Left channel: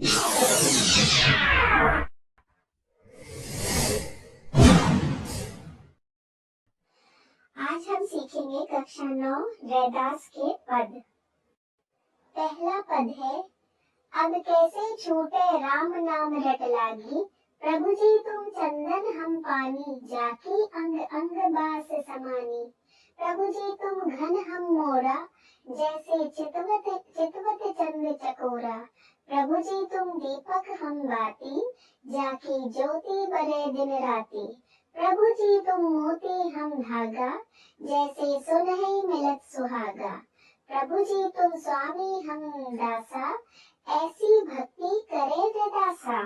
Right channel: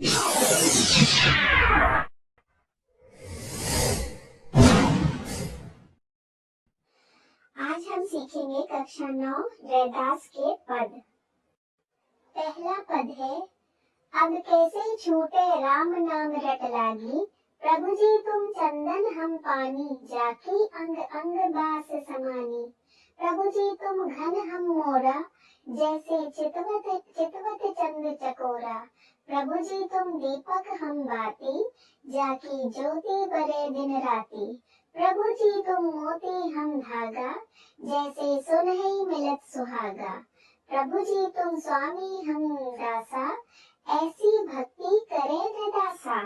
आज हम सीखेंगे कक्षा 9 रैदास के पद। पहला पद है, अब कैसे छूटे राम नाम रट लागी, प्रभु जी तुम चंदन हम पानी, जाकी अंग अंग बास समानी। प्रभु जी तुम घन हम मोरा, जैसे चितवत चितवत चंद चकोरा। प्रभु जी तुम दीपक हम बाती, जाकी ज्योति बरे दिन राती। प्रभु जी तुम मोती हम धागा, जैसे सुनहि मिलत सुहागा। प्रभु जी तुम स्वामी हम दासा, ऐसी भक्ति करे रैदासा।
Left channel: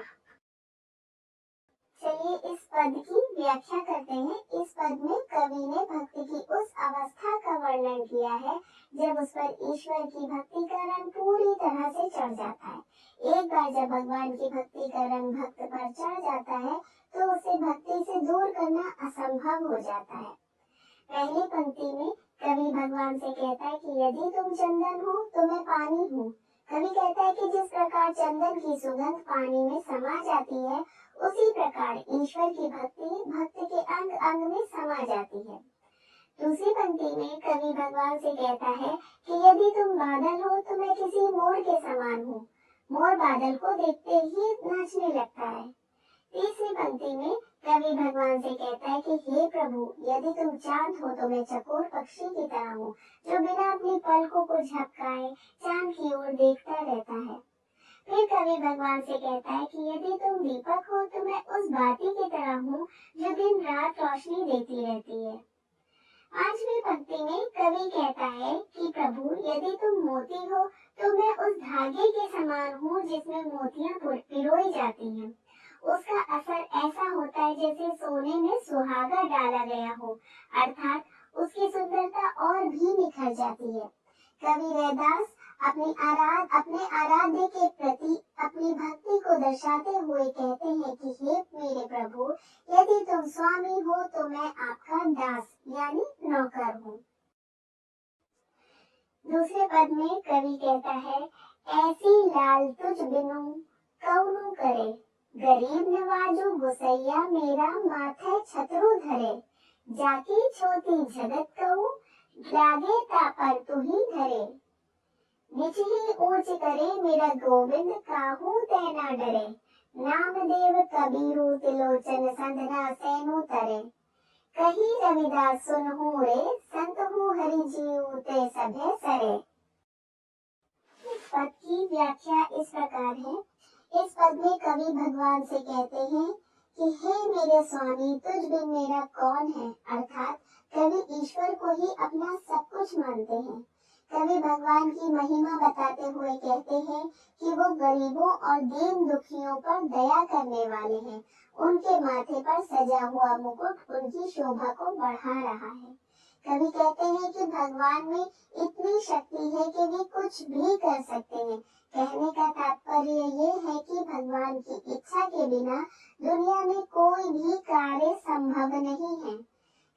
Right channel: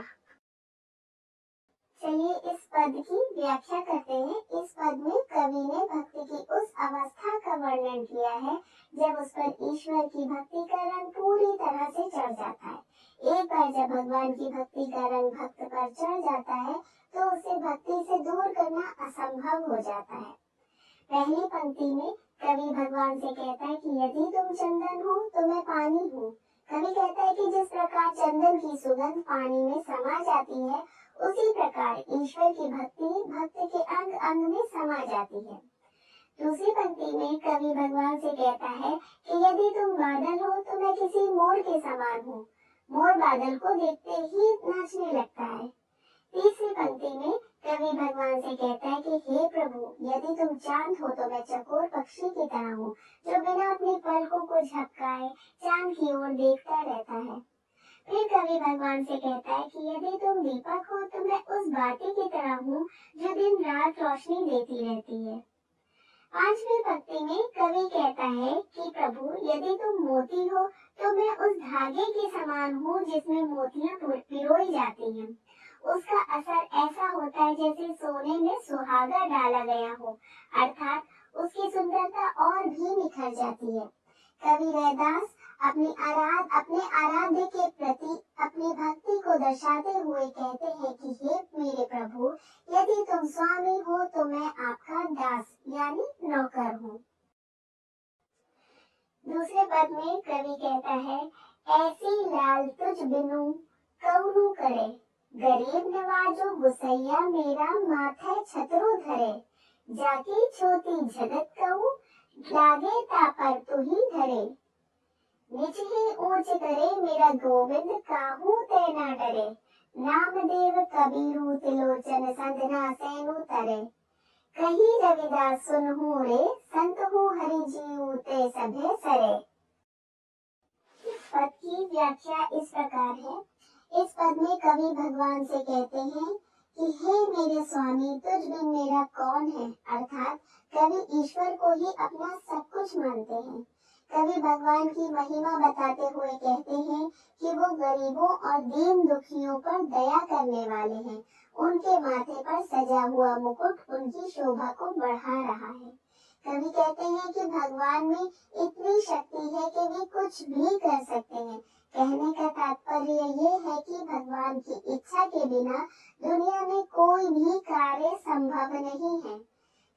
चलिए इस पद की व्याख्या करते हैं। इस पद में कवि ने भक्ति की उस अवस्था का वर्णन किया है जब उस पर ईश्वर की भक्ति का रंग पूरी तरह से चढ़ जाता है। एक बार जब भगवान की भक्ति का रंग भक्त पर चढ़ जाता है तो उसे भक्ति से दूर करना असंभव हो जाता है। पहली पंक्ति में कवि भगवान से कहता है कि यदि तुम चंदन हो तो मैं पानी हूँ। कवि कहता है कि जिस प्रकार चंदन की सुगंध पानी में समा जाती है, उसी प्रकार ईश्वर की भक्ति भक्त के अंग अंग में समा जाती है। दूसरी पंक्ति में कवि भगवान से कहता है कि यदि तुम बादल हो तो मैं किसी मोर के समान हूँ। मोर बादल को देखते ही नाचने लगता है। तीसरी पंक्ति में कवि भगवान से कहता है कि हे प्रभु, यदि तुम चांद हो तो मैं चकोर पक्षी की तरह हूँ, जो बिना अपनी पलकों को झपकाए चांद की ओर देखता रहता है। फिर कवि भगवान से कहता है कि यदि तुम दीपक हो तो मैं उस बाती की तरह हूँ जो दिन रात रोशनी देती रहती है। पांचवी पंक्ति में कवि कहता है कि प्रभु, यदि तुम मोती हो तो मैं उस धागे के समान हूँ जिसमें मोतियां पिरोई जाती हैं। उसका असर ऐसा होता है जैसे सोने में सुहागा डाला गया हो, अर्थात उसकी सुंदरता और भी निखर जाती है। कवि रैदास अपने आराध्य के प्रति अपनी भक्ति को दर्शाते हुए कहते हैं कि हे मेरे प्रभु, यदि तुम स्वामी हो तो मैं आपका दास यानी नौकर हूँ। दूसरे पद में कवि कहता है, ऐसी लाल तुझ बिनु कौनु करे, गरीब नवाजो गुसैया मेरा माथे छतरु धरे। जाकी छोटी जगत कहूँ, लागे तापर तू ही धरे। निच ही ऊंच करे मेरा गोविंद, काहू ते ना डरे। नामदेव कबीरु तिलोचन संतना सैनु तरे। कही रविदास सुनहु रे, संतहु हरि जीव ते सभे सरे। इस पद की व्याख्या इस प्रकार है। इस पद में कवि भगवान से कहते हैं कि हे मेरे स्वामी, तुझ बिन मेरा कौन है, अर्थात कवि ईश्वर को ही अपना सब कुछ मानते हैं। कवि भगवान की महिमा बताते हुए कहते हैं कि वो गरीबों और दीन दुखियों पर दया करने वाले हैं। उनके माथे पर सजा हुआ मुकुट उनकी शोभा को बढ़ा रहा है। कवि कहते हैं कि भगवान में इतनी शक्ति है कि वे कुछ भी कर सकते हैं। कहने का तात्पर्य ये है कि भगवान की इच्छा के बिना दुनिया में कोई भी कार्य संभव नहीं है।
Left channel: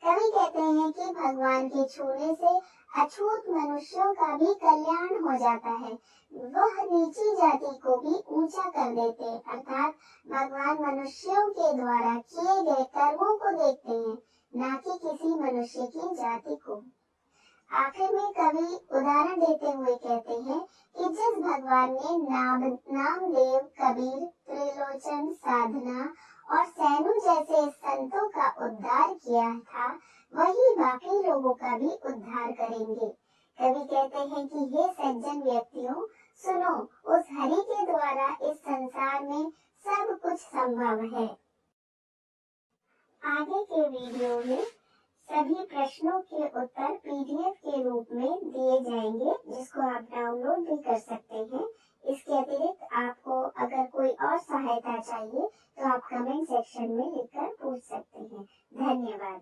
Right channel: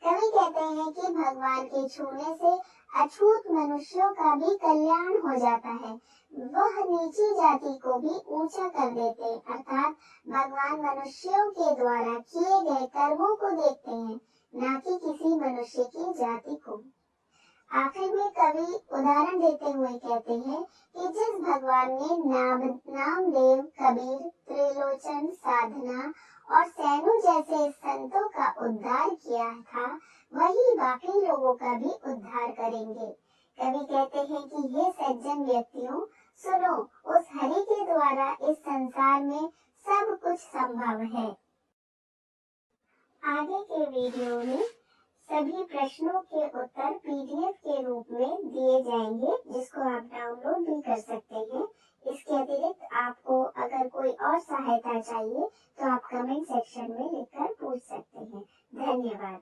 कवि कहते हैं कि भगवान के छूने से अछूत मनुष्यों का भी कल्याण हो जाता है। वह नीची जाति को भी ऊंचा कर देते, अर्थात भगवान मनुष्यों के द्वारा किए गए कर्मों को देखते हैं, न कि किसी मनुष्य की जाति को। आखिर में कवि उदाहरण देते हुए कहते हैं कि जिस भगवान ने नामदेव, कबीर, त्रिलोचन, साधना और सैनु जैसे संतों का उद्धार किया था, वही बाकी लोगों का भी उद्धार करेंगे। कवि कहते हैं कि हे सज्जन व्यक्तियों, सुनो, उस हरि के द्वारा इस संसार में सब कुछ संभव है। आगे के वीडियो में सभी प्रश्नों के उत्तर PDF के रूप में दिए जाएंगे, जिसको आप डाउनलोड भी कर सकते हैं। इसके अतिरिक्त आपको अगर कोई और सहायता चाहिए तो आप कमेंट सेक्शन में लिखकर पूछ सकते हैं। धन्यवाद।